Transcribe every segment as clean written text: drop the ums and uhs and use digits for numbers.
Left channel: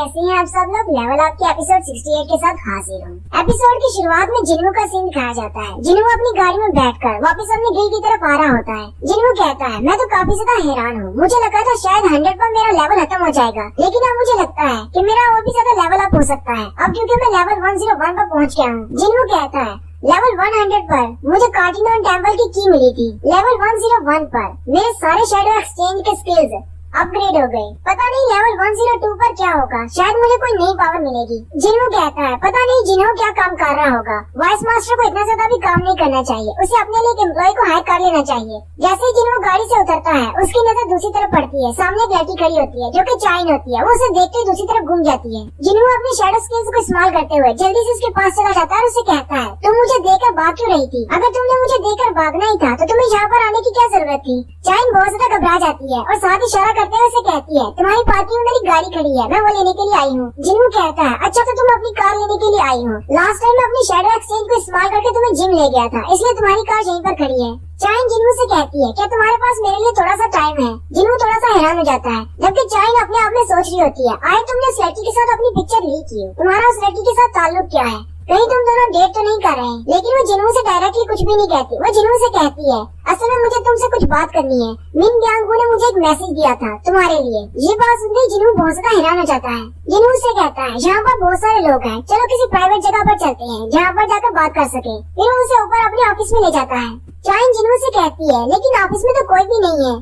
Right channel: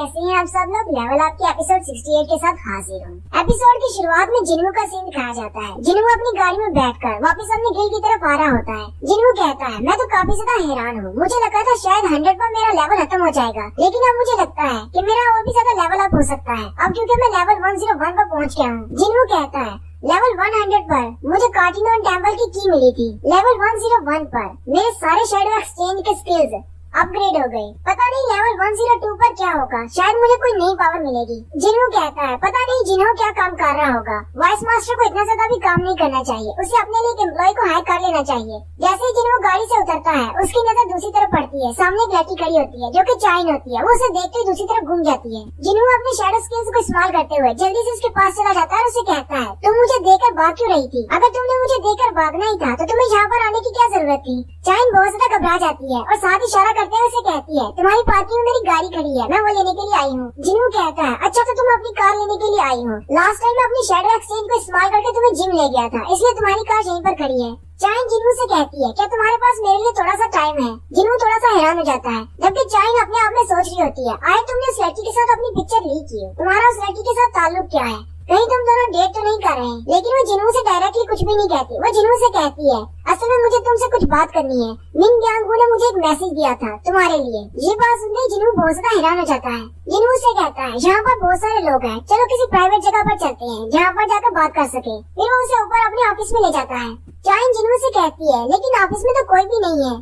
कैसे हैं आप सब लोग। लेवल अप के एपिसोड 68 के साथ हाजिर हूँ। एपिसोड की शुरुआत में जिन्हों का सीन दिखाया जाता है। जिन्हों अपनी गाड़ी में बैठकर वापस अपने गिल की तरफ आ रहा होता है। जिन्हों कहता है मैं तो काफी ज्यादा हैरान हूँ, मुझे लगा था शायद 100 पर मेरा लेवल खत्म हो जाएगा, लेकिन अब मुझे लगता है कि मेरा और भी ज्यादा लेवल अप हो सकता है अब क्योंकि मैं लेवल 101 पर पहुँच गया हूँ। जिन्हों कहता है लेवल 100 पर मुझे कार्टिनॉन टेम्पल की मिली थी। लेवल 101 पर मेरे सारे शैडो एक्सचेंज के स्किल्स अपग्रेड हो गए। पता नहीं लेवल 102 पर क्या होगा, शायद मुझे कोई नई पावर मिलेगी। जिन्हों कहता है पता नहीं जिन्हों क्या काम कर रहा होगा। वाइस मास्टर को इतना ज्यादा भी काम नहीं करना चाहिए, उसे अपने लिए एक एम्प्लॉय को हायर कर लेना चाहिए। जैसे ही जिन्हों गाड़ी से उतरता है उसकी नजर दूसरी तरफ पड़ती है। सामने एक लड़की खड़ी होती है जो कि चाइन होती है। वो उसे देखते ही दूसरी तरफ घूम जाती है। जिन्हों अपने शैडो स्किल्स को इस्तेमाल करते हुए जल्दी से उसके पास चला जाता है और उसे कहता है तुम मुझे देखकर भाग क्यों रही थी? अगर तुमने मुझे देखकर भागना ही था तो तुम्हें यहाँ पर आने की क्या जरूरत थी? चाइन बहुत ज्यादा घबरा जाती है और साथ इशारा करते हुए उसे कहती है तुम्हारी पार्किंग में मेरी गाड़ी खड़ी है, मैं वो लेने के लिए आई हूँ। जिन्हों कहता है अच्छा तो तुम अपनी कार लेने के लिए आई हो। लास्ट टाइम मैं अपनी शैडो एक्सचेंज को इस्तेमाल करके तुम्हें जिम ले गया था, इसलिए तुम्हारी कार यहीं पर खड़ी है। चाइन जिन्हों से कहती है क्या तुम्हारे पास मेरे लिए थोड़ा सा टाइम है? जिन्हों थोड़ा सा हैरान हो जाता है जबकि चाइन अपने आप में सोच रही होती है आए तुमने उस लड़की के साथ अपनी पिक्चर ली की, तुम्हारा उस लड़की के साथ ताल्लुक क्या है? कहीं तुम दोनों डेट तो नहीं कर रहे हैं? लेकिन वो जिन्हों से डायरेक्टली कुछ भी नहीं कहती। वो जिन्हों से कहती है असल में मुझे तुमसे कुछ बात करनी है। मिन ब्यांगू ने मुझे एक मैसेज दिया था तुम्हारे लिए। ये बात सुनते ही जिन्हों बहुत ज्यादा हैरान हो जाता है। जिन्हों से कहता है यहाँ पर बहुत सारे लोग हैं, चलो किसी प्राइवेट जगह पर चलते हैं जहाँ पर जाकर बात कर सके। फिर वो उसे ऊपर अपने ऑफिस में ले जाता है। चाइन जिन्हों से कहती है लेकिन ऑफिस में तो कोई भी नहीं है।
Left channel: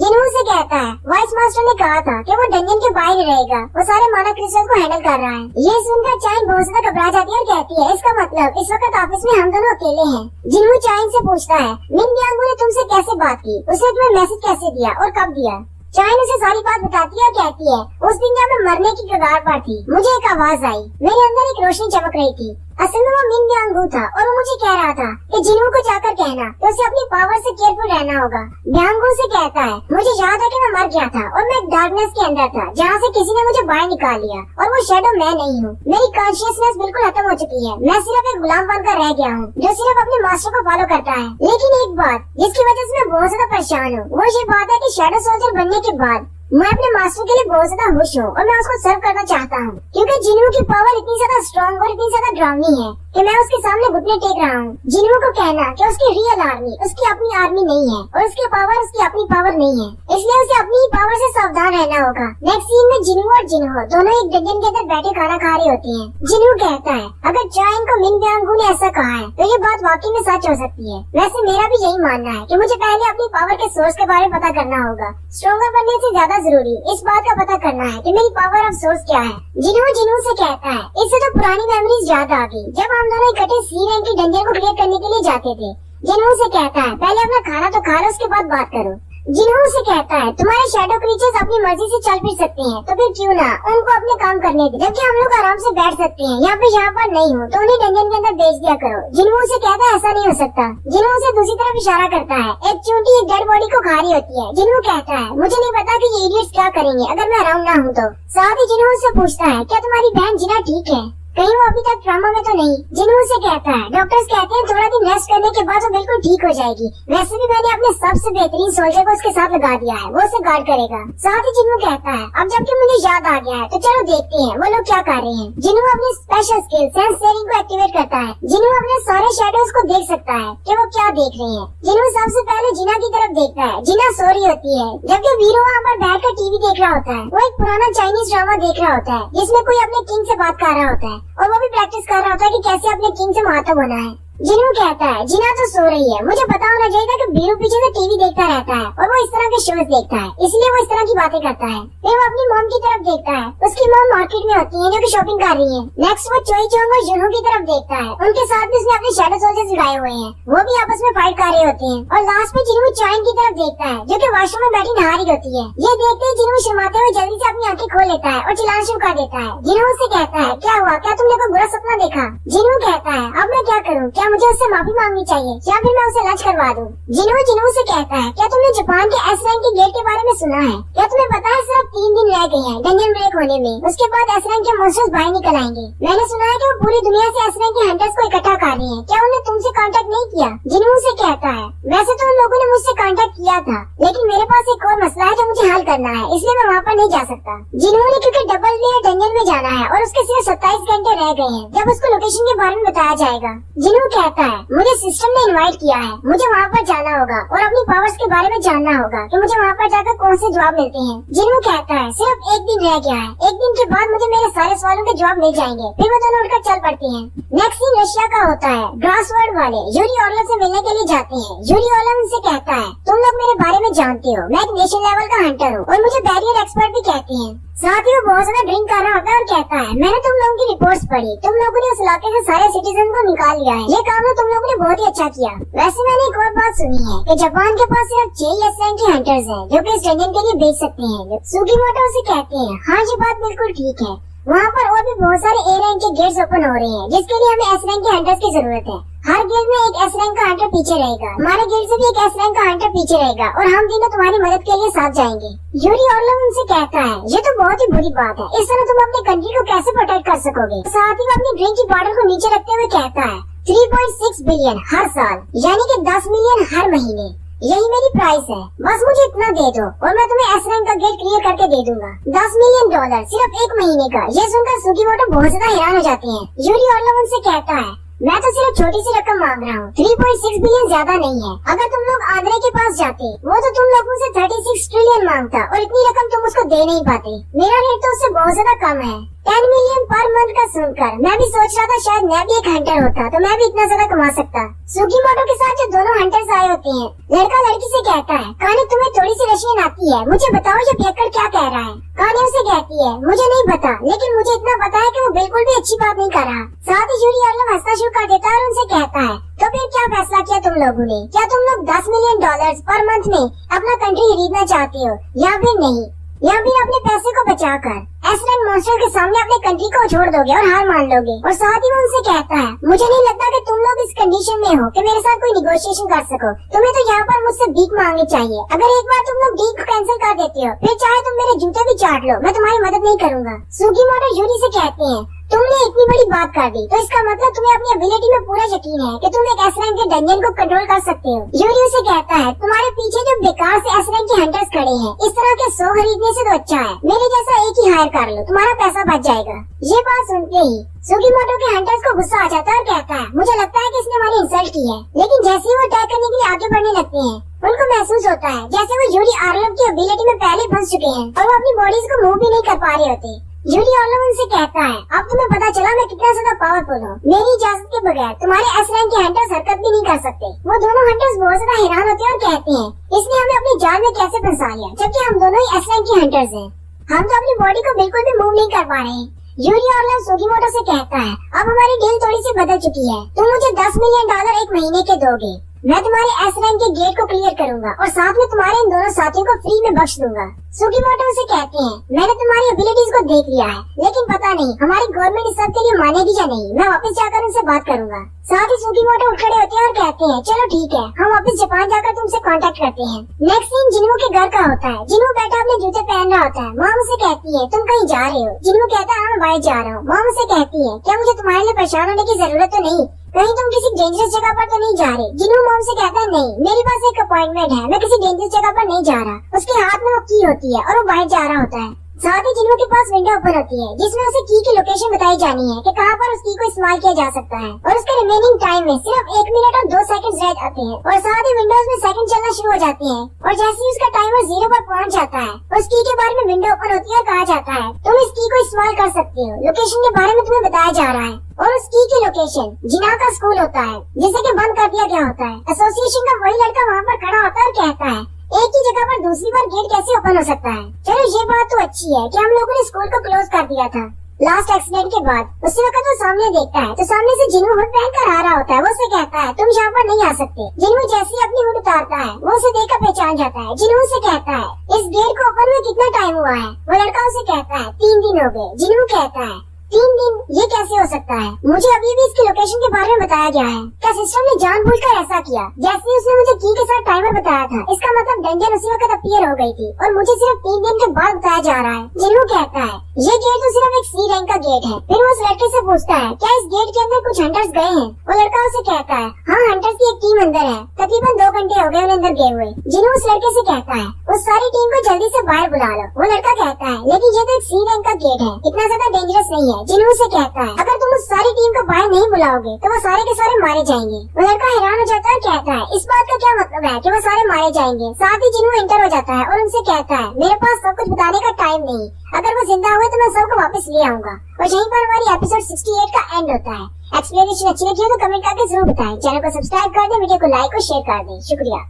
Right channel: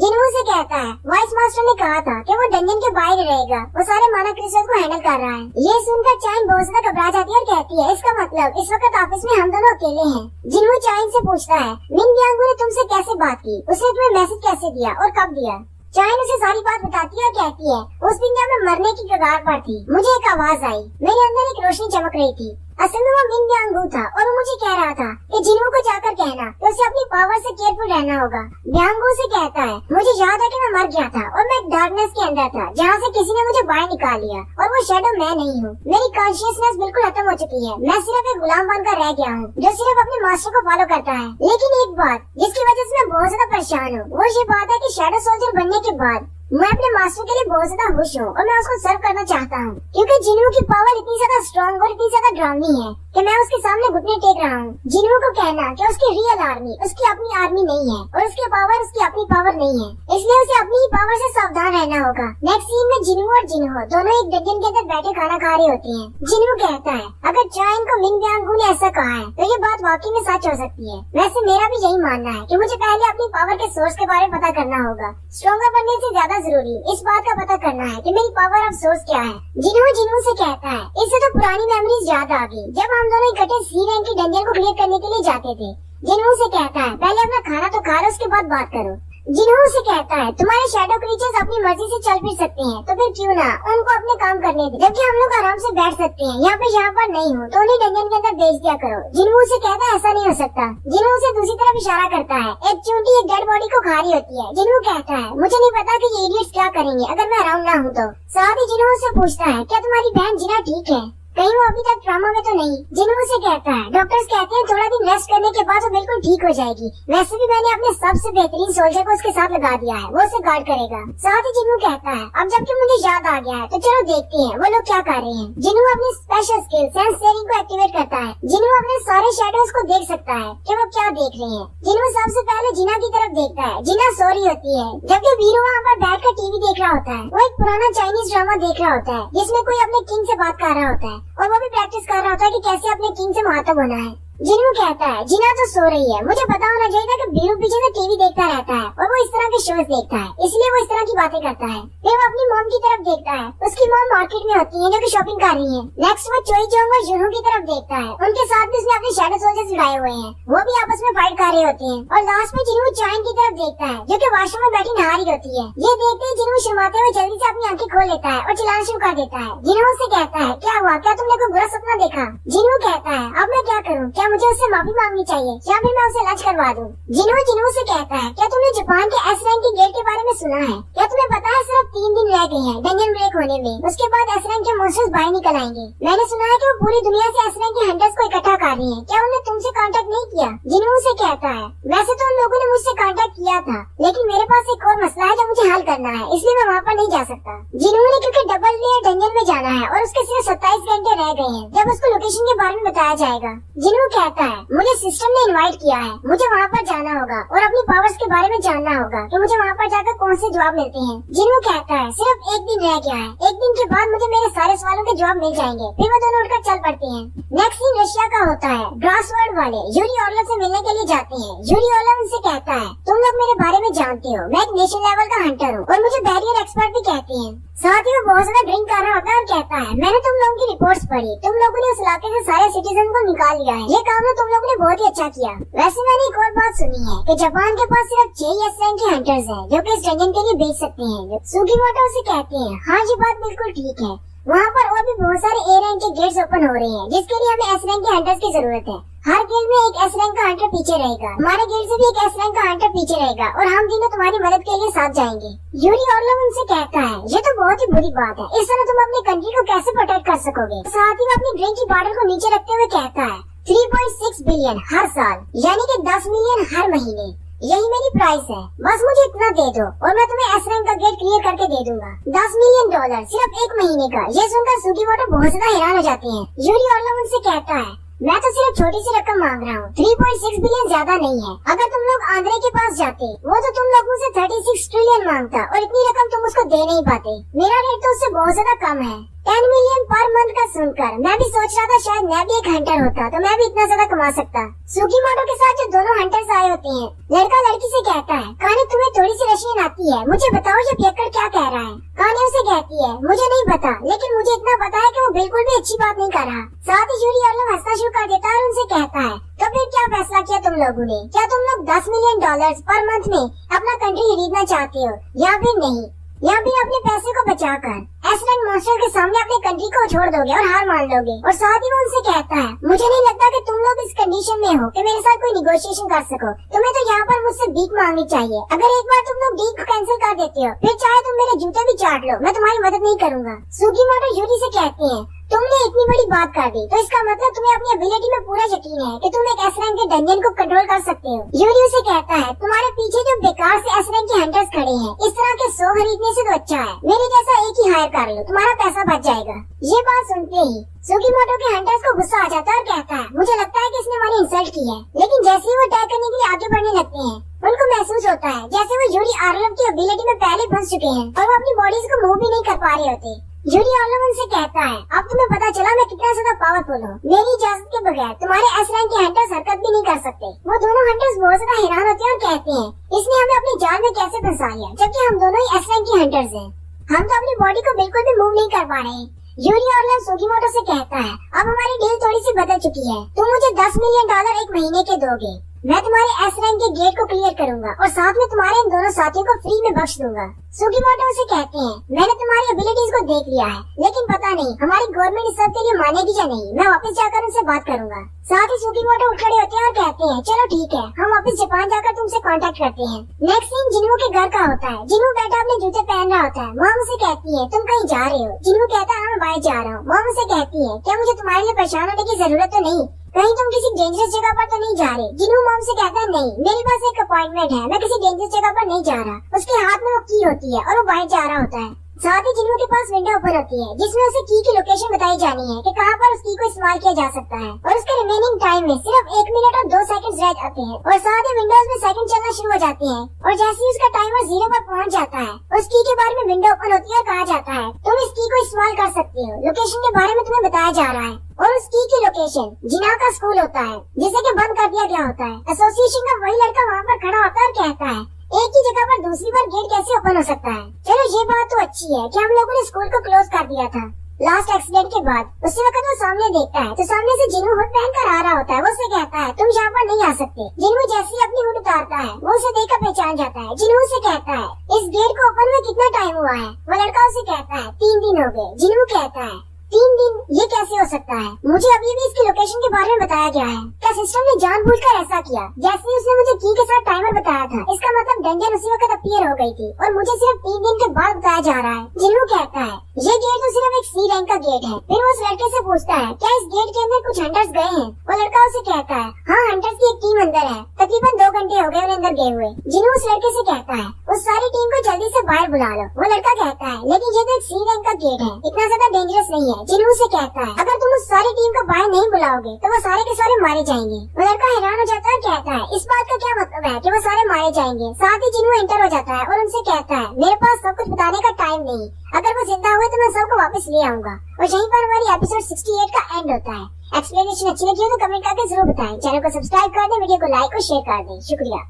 जिन्हों से कहता है वाइस मास्टर ने कहा था कि वो डंजन के बाहर रहेगा, वो सारे माना क्रिस्टल्स को हैंडल कर रहा है। ये सुनकर चाइन बहुत ज्यादा घबरा जाती है और कहती है इसका मतलब इस वक्त ऑफिस में हम दोनों अकेले हैं। जिन्हों चाइन से पूछता है मिन ब्यांगू ने तुमसे कैसे बात की, उसने तुम्हें मैसेज कैसे दिया और कब दिया? चाइन उसे सारी बात बताती है और कहती है उस दिन जब मैं मरने की कगार पर थी मुझे एक आवाज आई, मेरे अंदर एक रोशनी चमक रही थी। असल में वो मिन ब्यांगू था और वो मुझे कह रहा था कि जिन्हों को जाकर कहना कि उसे अपनी पावर से केयरफुल रहना होगा। ब्यांगू से कहता है मुझे याद है कि मैं मर गया था और मैं डार्कनेस के अंदर था जहाँ से किसी ने मुझे बाहर निकाल लिया और वो शैडो मैं नहीं हूँ। मेरी कॉन्शियसनेस बिल्कुल खत्म हो चुकी है, मैं सिर्फ एक गुलाम बनकर रह गया हूँ जो सिर्फ अपने मास्टर को फॉलो करता है। लेकिन एक बात जिसकी वजह से मैं बहुत ज्यादा परेशान हूँ वो ये बात है कि शैडो सोल्जर बनने के बाद मैं अपने मास्टर के लिए बहुत ज्यादा खुश हूँ और मैं उसको सर्व करना चाहता हूँ क्योंकि जिन्हों की पावर इतनी ज्यादा स्ट्रॉन्ग और इतनी ज्यादा डरावनी है कि मैं उसके सामने घुटने टेक रहा हूँ। जिन्हों को कहना कि उसकी रियल आर्मी उसकी अपनी आर्मी नहीं है और उसकी पावर उसकी अपनी पावर नहीं है, इसलिए उसे अपनी ही पावर से सावधान रहना होगा। नेक्स्ट सीन में जिन्हों और जिन्हों दोनों एक डंजन के अंदर बैठे खाना खा रहे होते हैं। जिन्हों कहता है अगर चाइन को मिन ब्यांगू ने ऐसा कहा है तो ये बात वाकई में सच हो सकती है। वैसे मेरा भी यही मानना है कि मुझे पहले अपनी पावर के सोर्स के बारे में पता करना होगा। स्ट्रॉन्गर बनने से ज्यादा जरूरी इस बात का पता करना है कि मेरी पावर अब सोर्स क्या है। जिन्हों से कहता है इससे तो पुरानी मेमोरीज याद आ गई जब हम दोनों इकट्ठे सी रैंक के डंजन को क्लियर करने के लिए जाते थे। जिन्हों से कहता है पहले अपना खाना तो खा लो उसके बाद बात करो। जिन्हों से कहता है तुम्हारे शैडो क्रीचर्स अपनी मर्जी से चल फिर सकते हैं तो फिर क्यों ना उनको अपने काम करने दे, जबकि हम लोग आराम से बैठ सकते हैं। यहाँ पर नहीं हूँ तो उन्हें डंजन के अंदर भेज दिया करो। जिन्हों से कहता है ऐसा नहीं हो सकता। जिन्हों से दूसरी तरफ इशारा करता है एक चूंटी एक डेड बॉडी को खा रही होती है। जिन्हों कहता है मुझे नहीं पता कि ये इडियट्स क्या करेंगे अगर मैं अराउंड ना हूँ तो। साथ ही जिन्हों से पूछता है क्या तुम्हारी बहन जिना ठीक है, कहीं वो अभी तक ट्रामा में तो नहीं? जिन्हों से कहता है डॉक्टर्स कहते हैं थोड़ा दिन रेस्ट करने के बाद वो बिल्कुल ठीक हो जाएगी। वैसे भी मैंने अपने सबसे बेहतरीन सोल्जर को उसके साथ लगा दिया है, वो उसे गार्ड करेगा। साथ ही जिन्हों कहता है अब जबकि मुझे याद आ गया है तो चलो देखते हैं वो लोग क्या कर रहे हैं। जिन्हों अपनी स्पेशल स्किल सेंस शेयरिंग को एक्टिवेट करता है। जिन्हों अपने सारे शैडोज को देख सकता है कि वो क्या देख रहे हैं। जिन्हों सबसे पहले जिना की तरफ देखता है। जिना सो रही होती है जबकि वीरू वहाँ पर बैठकर टीवी देख रहा होता है। वो एक पुराना चाइनीज ड्रामा देख रहा होता है जिसमें कोई अपने किंग से बात कर रहा होता है और वो भी प्रैक्टिस कर रहा होता है कि कैसे अपने किंग से मुखातिब होना है। जिन्हों कहता है जिना तो सो रही है, मुझे पता होना चाहिए था कि बीरू पीछे से टीवी देखता रहता है और वो इस तरह के शोज देखता है, इसलिए वो इस तरह की बातें करता है। फिर वो अपनी मॉम की तरफ देखता है। उसकी मॉम मार्केट में होती है जो कि शॉपिंग कर रही है। नेक्स्ट वो चोई चोंग और जुनू की तरफ देखता है, उनके साथ भी उसने अपने शैडो सोल्जर्स लगाए हुए हैं, वो भी आपस में फाइट कर रहे होते हैं। और लास्ट में जिन्हों चाइन की तरफ देखता है जो कि वॉशरूम में बैठी नहा रही होती है। ये देखते ही जिन्हों शर्माते हुए जल्दी से अपनी आंखें खोल लेता है और चिल्लाना शुरू कर देता है। जिन्हों से कहता है क्या हुआ, क्या तुमने कोई बुरा सपना देखा? जिन्हों कहता है अब मैं क्या करूँ, क्या क्या मुझे उससे माफी मांगनी चाहिए या फिर मैं उसे लंच करवा दूं? जिन्हों से कहता है, क्या तुमने जापान के एस रैंक के गेट के बारे में सुना है? क्या तुम्हें पता है सिर्फ 3 दिन रह गए हैं डंजन ब्रेक होने में, उसके बाद एस रैंक के मॉन्स्टर्स बाहर निकल आएंगे। मैंने सुना है कि वो पूरी दुनिया से एस रैंक के हंटर्स को इकट्ठा कर रहे हैं। क्या उन्होंने तुमसे कांटेक्ट नहीं किया? जिन्हों से कहता है, वैसे तो उन लोगों ने मुझसे कांटेक्ट किया था, लेकिन मेरे पास एक और मसला है जो मुझे हल करना है, इसलिए मैं वहाँ पर नहीं जा सकता। जिन्होंने क्योंकि डबल लेयर डंजन में जाना है और उसके सिर्फ 27 घंटे रह गए हैं जब उसको लोकेशन के बारे में बताया जाएगा। जिन्हों कहता है, मुझे सिस्टम ने इनवाइट किया है, मुझे वहाँ पर जाना होगा और अपनी पावर्स के बारे में जानना होगा कि मुझे वहाँ पर जाकर कौन से जवाब मिलते हैं। जिन्हों कहता है, सिर्फ 1 दिन रह गया है, 1 दिन के बाद मुझे मेरे सारे सवालों के जवाब मिल जाएंगे, फिर वो दोनों उड़कर चल पड़ते हैं। नेक्स्ट सीन रशिया का होता है। ग्रासवर्ड वाले यूरी ऑर्लव से मिलने के लिए जाते हैं। यूरी ऑर्लव उनसे कहता है, तुम लोग मेरे बारे में जानते हो, मैं एक नेशनल लेवल का हंटर हूँ और मुझे बैरियर एक्सपर्ट भी कहते हैं। साथ ही वो बहुत ज्यादा ड्रिंक कर रहा होता है और कहता है, मैंने तुम लोगों की रिपोर्ट्स पढ़ी, तुम लोगों ने उस इलाके से सारे सिटीजन को निकाल लिया है, ये काम तो तुम लोगों ने बहुत ही अच्छा किया। वैसे मैंने एक और बात सुनी है कि जापान के पास सिर्फ 6 एस रैंक के हंटर्स हैं जो कि इस डंजन के लिए बेच सकते हैं। सुकीमोटो उसे कहते हैं, हाँ ये बात बिल्कुल ठीक है, वहाँ पर और भी बहुत सारे ए रैंक के गेट्स ओपन हो रहे हैं जिसके लिए हमें एस रैंक के हंटर्स की जरूरत है। हर गिल्ड में एक एस रैंक का हंटर पीछे रहेगा, हमारे गिल्ड से भी एक एस रैंक का हंटर पीछे रहेगा और हम तीनों तुम्हारी मदद के लिए साथ जाएंगे। यूरी ऑर्लव उनसे कहता है, ये तो बहुत ही बुरी बात है, इस तरह तुम अपनी कंट्री को कैसे प्रोटेक्ट कर सकोगे? साथ ही वो अपनी ड्रिंक की बॉटल को नीचे रखते हुए कहता है, 3.6 बिलियन हर साल, यानी कि 10 मिलियन हर महीने, यही मेरी प्राइस है, बस मुझे इतना दे दो और मैं तुम्हें एस रैंक का गिल्ड क्लियर करके दे दूंगा। $10 मिलियन सिर्फ 1 महीने का। ये सुनकर सुकीमोटो बहुत ज्यादा हैरान हो जाते हैं। यूरी ऑर्लव उनसे कहता है, मैं तो सिर्फ छोटी सी रकम मांग रहा हूँ, 3.6 बिलियन ज्यादा नहीं है। अगर तुम लोग आंद्रे के पास जाते, वो तो तुम लोगों से 36 ट्रिलियन मांगता और इतनी रकम तुम उसको दे नहीं पाते। मेरा रेट तो उससे बहुत ज्यादा कम है। 10 मिलियन पर मंथ का सुनकर मैं भी सोच रहा था शायद मैं भी एक हंटर होता तो मैं भी इतना ज्यादा कमा सकता। सुकीमोटो के साथ जो दोनों हंटर्स आए होते हैं, लड़का लड़की से कहता है, काने तुम्हें थोड़ी सी रशियन आती है, मुझे बताओ ये पियक्कर क्या कह रहा है? काने उसे कहती है, मुझे नहीं पता, लेकिन मुझे इतना पता है कि वो बिल्कुल भी अच्छी बात नहीं कर रहा। साथ ही यूरी ऑर्लव हंसना शुरू कर देता है और उनसे कहता है, तो फिर क्या फैसला किया तुम लोगों ने? क्या तुम लोग $10 मिलियन पर मंथ में अपना कंट्री खरीदना चाहते हो या फिर नहीं, या फिर अपने पैसे को बचाकर एस रैंक मॉन्स्टर के सामने अपनी कंट्री को छोड़ दोगे और हार मान लोगे? और साथ ही वो उनसे कहता है, मुझे नहीं लगता कि तुम लोग इस कंडीशन में हो कि मेरे साथ कोई निगोशिएशन कर सको, तुम्हें तो यहाँ पर मुझसे भीख मांगनी चाहिए। अगर एक बार तुम लोग डील को कैंसिल कर देते हो, फिर चाहे तुम मेरे जूते भी चाट लो, मैं तुम्हारी मदद नहीं करूँगा। सुकीमोटो यूरी से कहते हैं, तुमने इतनी बड़ी बात कर दी तो इसका मतलब तुम्हें अपनी एबिलिटी में पूरा यकीन है कि तुम एक एस रैंक के डंजन को कंट्रोल कर सकते हो। यूरी उसे कहता है, तुम्हारे पीछे जो बेकार से एस रैंक के हंटर्स खड़े हैं, इस तरह के 100 खरीदने से तो अच्छा है मेरे जैसा एक ही हायर कर लो, तुम्हारा पैसा बच जाएगा। ये बात सुनते ही सुकीमोटो के हंटर्स को गुस्सा आ जाता है और कहता है, मुझे लगता है कि इसने हमारी इंसल्ट की है। लेकिन जैसे ही वो अटैक करने के लिए आगे बढ़ने लगते हैं, उनको महसूस होता है जैसे वो यूरी ऑर्लव की एबिलिटी में पहले फंस चुके हैं और वो अपनी बॉडीज को मूव भी नहीं कर पा रहे होते। यूरी ऑर्लव उनसे कहता है, अब तुम्हें पता चला मैं कितना ज्यादा पावरफुल हूँ। मेरी इजाजत के बगैर तुम्हारे एस रैंक के हंटर्स हरकत भी नहीं कर सकते। वो दोनों हंटर्स बहुत ज्यादा हैरान होते हैं और कहते हैं, इसने हमें अपनी जाल में कैसे फंसा लिया, जबकि हम दोनों ही एस रैंक के हंटर्स हैं। हम तो अपनी बॉडी को बिल्कुल भी मूव नहीं कर पा रहे हैं। यूरी ऑर्लव सुकीमोटो से कहता है, अब हमारी डील थोड़ी सी बदल चुकी है, तुम मुझे $10 मिलियन 1 महीने के दोगे, मैं तुम्हारे एस रैंक के गेट को क्लियर करूंगा और साथ में तुम्हारे इन दोनों साथियों को फ्री में बख्श दूंगा। सुकीमोटो से कहते हैं, मैंने तुम्हारी एबिलिटीज को देख लिया है, लेकिन पता नहीं हमारी गवर्नमेंट इस सब के लिए मानेगी या नहीं, मैं वापस जाकर उनसे बात करूंगा। साथ ही सुकीमोटो उठ खड़े होते हैं और कहते हैं, चलो ठीक है, हम वापस जापान जाकर तुमसे कांटेक्ट करते हैं। नेक्स्ट सीन जिन्हू के घर का होता है। जिन्हू बैठा अपने जूते पहन रहा होता है। माम उसे कहती है, तुम कहीं जा रहे हो? जिन्हू कहता है, हाँ मैं बाहर जा रहा हूँ। माम उसे कहती है, क्या मुझे तुम्हारे लिए परेशान होने की जरूरत तो नहीं, कहीं तुम किसी डेंजरस जगह पर तो नहीं जा रहे? जिन्हू माम से कहता है, नहीं मेरे पास एक अपॉइंटमेंट है, मैं किसी डेंजरस जगह पर नहीं जा रहा। उसके हाथ में वो की होती है और वो बाहर जा रहा होता है। साथ ही जिन्हों के पास विंडो ओपन होती है जिसमें उसे की लोकेशन बताई जानी है कि कहाँ पर उस की को इस्तेमाल किया जा सकता है और उसका रिमेनिंग टाइम में सिर्फ 1 मिनट और 2 सेकंड रह जाते हैं और साथ ही विंडोज में सेकंड चलना शुरू हो जाती है और जैसे ही उसका टाइमर 0 पर पहुँच जाता है उस की के बारे में विंडो ओपन होती है और कहा जाता है तुम इस की को इस्तेमाल कर सकते हो। लोकेशन के बारे में तुम्हें बताया जा रहा है और उस की लोकेशन जिना का स्कूल होता है जिसे कि बंद कर दिया गया होता है। एसोसिएशन का वही लड़का वहाँ पर खड़ा होता है और कहता है एक ही जगह पर दूसरी बार गेट कैसे ओपन हो सकता है। चलो ये बात तो अच्छी है कि हम लोगों ने स्कूल को क्लोज कर दिया था लास्ट एक्सीडेंट के बाद। उसी वक्त वो सामने देखता है तो सामने से जिन्हू हुड पहन कर आ रहा होता है। वो उसे कहता है तुम यहाँ पर नहीं आ सकते। जिन्हू जैसे ही अपनी हुड उतारता है वो उसे देखकर पहचान जाता है। जिन्हू से कहता है इस गेट को ओपन हुए कितना टाइम हुआ है? वो लड़का उसे कहता है 3 दिन हो गए। जिन्हू कहता है 3 दिन ये कैसे हो सकता है? मुझे अभी भी इसकी लोकेशन के बारे में बताया गया है। क्या सिस्टम ने जानबूझकर ऐसा किया? जैसे ही उसने मुझे की के साथ टाइमर बताया था, इसका मतलब डेंजर उसी वक्त अपीयर हो गई थी और मुझे सिर्फ 3 दिन के बाद बताया जा रहा है। जिन्हों कहता है ये गेट तो सिर्फ एक सी रैंक का गेट है। फिर वो उस लड़के से पूछता है क्या इस गेट के अंदर कुछ हंटर्स गए हैं? वो लड़का उसे कहता है हाँ, हंटर्स की एक टीम अंदर है। तकरीबन 2 घंटे हो गए उन्हें अंदर गए हुए। जिन्हों उस लड़के से कहता है उस सारी टीम को जल्दी से बाहर बुला लो। वो लड़का कहता है लेकिन ये तो एक सी रैंक का गेट है, इतना ज्यादा डेंजरस नहीं है। जिन्हों से कहता है अगर तुम उस सारी टीम को बाहर नहीं बुलाओगे तो वो सारे के सारे मारे जाएंगे। वो लड़का हैरान हो जाता है, कहता है इस बात का क्या मतलब है कि वो सारे मारे जाएंगे? साथ ही जिन्हों एंटर हो जाता है और उनसे कहता है मेरे पास सब कुछ बताने का टाइम नहीं, अगर वो जिंदा हुए तो मैं सबको वापस ले आऊंगा। और यहीं पर हमारी एपिसोड 68 का एंड होता है। एक्सप्लेनेशन अच्छी लगी हो तो कमेंट करके जरूर बताएं। चैनल को सब्सक्राइब कर दें, वीडियो को लाइक और शेयर कर दें। शुक्रिया।